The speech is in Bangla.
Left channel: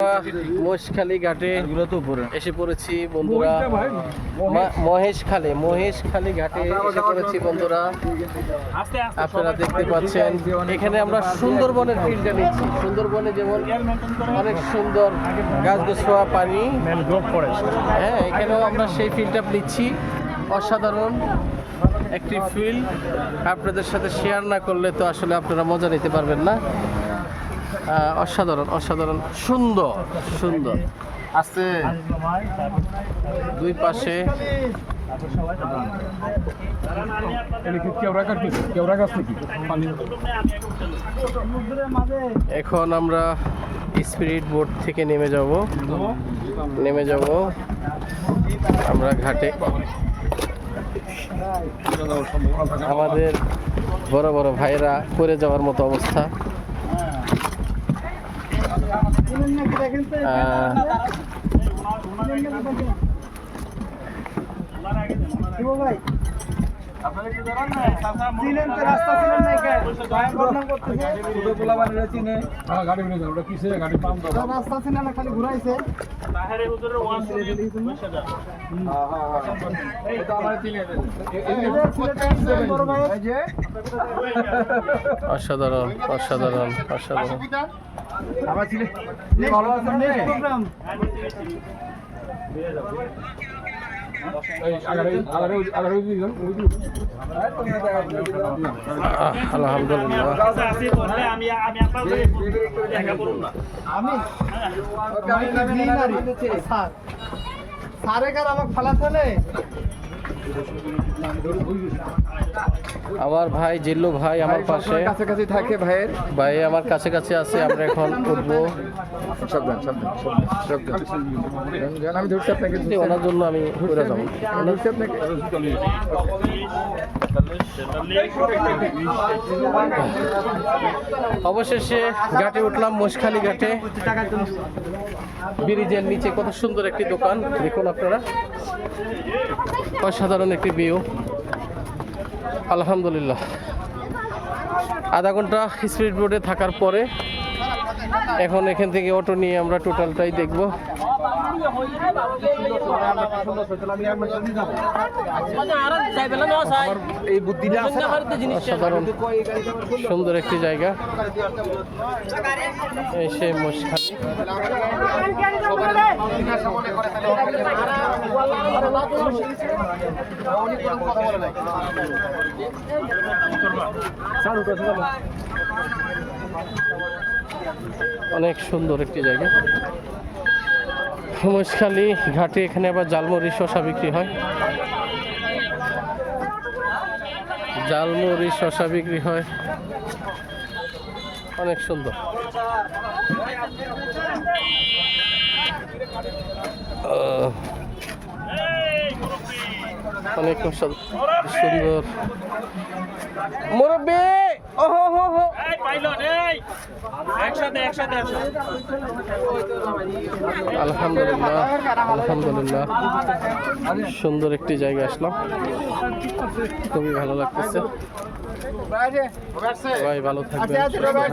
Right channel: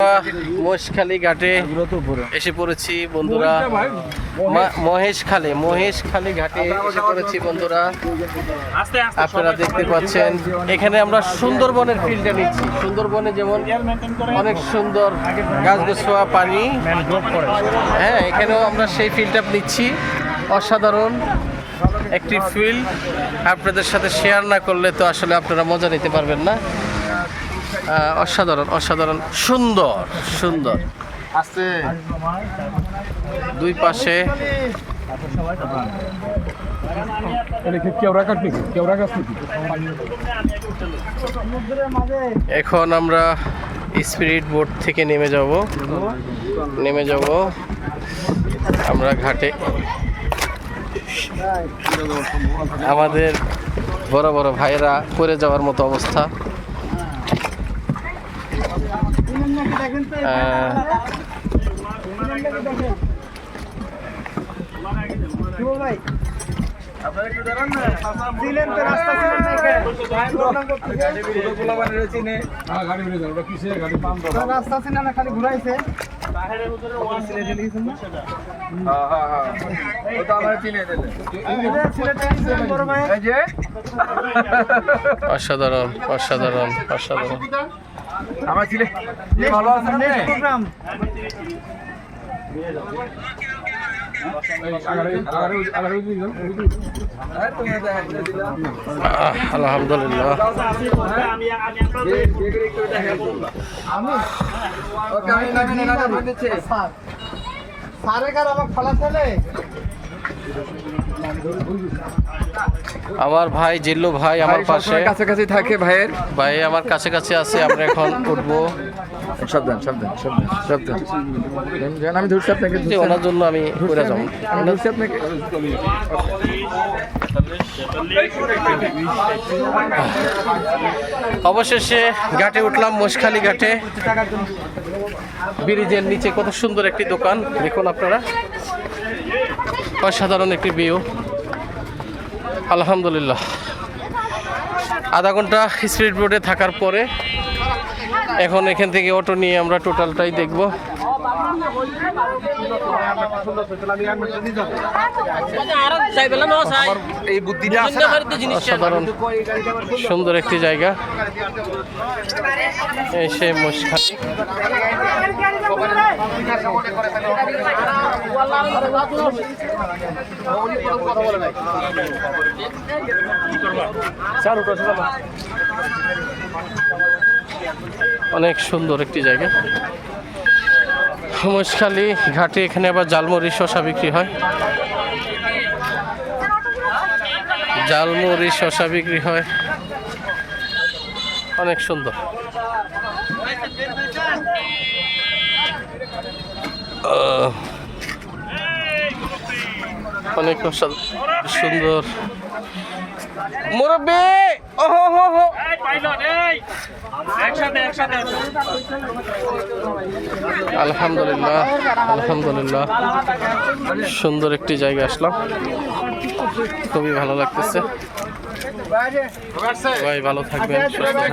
মহেশখালী ঘাটে এসে পড়েছি বন্ধুরা। মহেশখালী ঘাটে এসে পড়েছি বন্ধুরা। আপনারা দেখতে পাচ্ছেন এখানে আমরা সুন্দরবনের ফিল্ডটা নিচ্ছি। সুন্দরবনে যেমন অনেক সুন্দর গাছগাছড়া পানি, হ্যাঁ, এখানেও আমরা সেই ফিল্ডটা নিচ্ছি। অসাধারণ একটি ফিল্ড, আপনাদের সাথে শেয়ার না করলে তো আসলে আপনারা মজা নিতে পারবেন না। অসাধারণ অসাধারণ সুন্দর সুন্দর দুই পাশে। এখন আমরা স্পিরিট বোট থেকে নেমে যাব আমরা ঘাটে। আমাদের বড় বড় ভাইরা পড়ে যাওয়ার মতো অবস্থা। অসাধারণ অসাধারণ অসাধারণ। আমার ছেলে ভালো আছে না? আলহামদুলিল্লাহ। আমার ভাই জিল্লু ভাই আমার পাশে কাছাকাছি থাকে। ভাই আমার কাছাকাছি আছে। আমরা এখন উঠবো। আমি ধরছি আপনাকে, ওনার জন্য আমি করে যাবো। অবশেষে ঘাটে উঠলাম, মহেশখালী ঘাটে। ব্রিজের নিচে কত সুন্দর একটি দোকান দেখুন আপনারা। অসাধারণ একটি ভিউ। আলহামদুলিল্লাহ। আধা ঘন্টা স্পিড বোটে থাকার পরে এখন এখান থেকে অটো নিয়ে আমরা টোটালটাই দেখব। অসাধারণ সুন্দর একটি জায়গা। এই সে মহেশখালী। অনেক সুন্দর একটি জায়গা মহেশখালী ঘাটে। এখানে আবার জালমুড়ি শসা বিক্রি হয়। জালমুড়ি শসা বিক্রি হয়, অনেক সুন্দর। অনেক সুন্দর। মুরব্বি আলহামদুলিল্লাহ আলহামদুলিল্লাহ। সুন্দর একটি জায়গা আসলাম, খুবই ভালো লাগতেছে। ভাই ভালো থাকবেন, সুস্থ থাকবেন।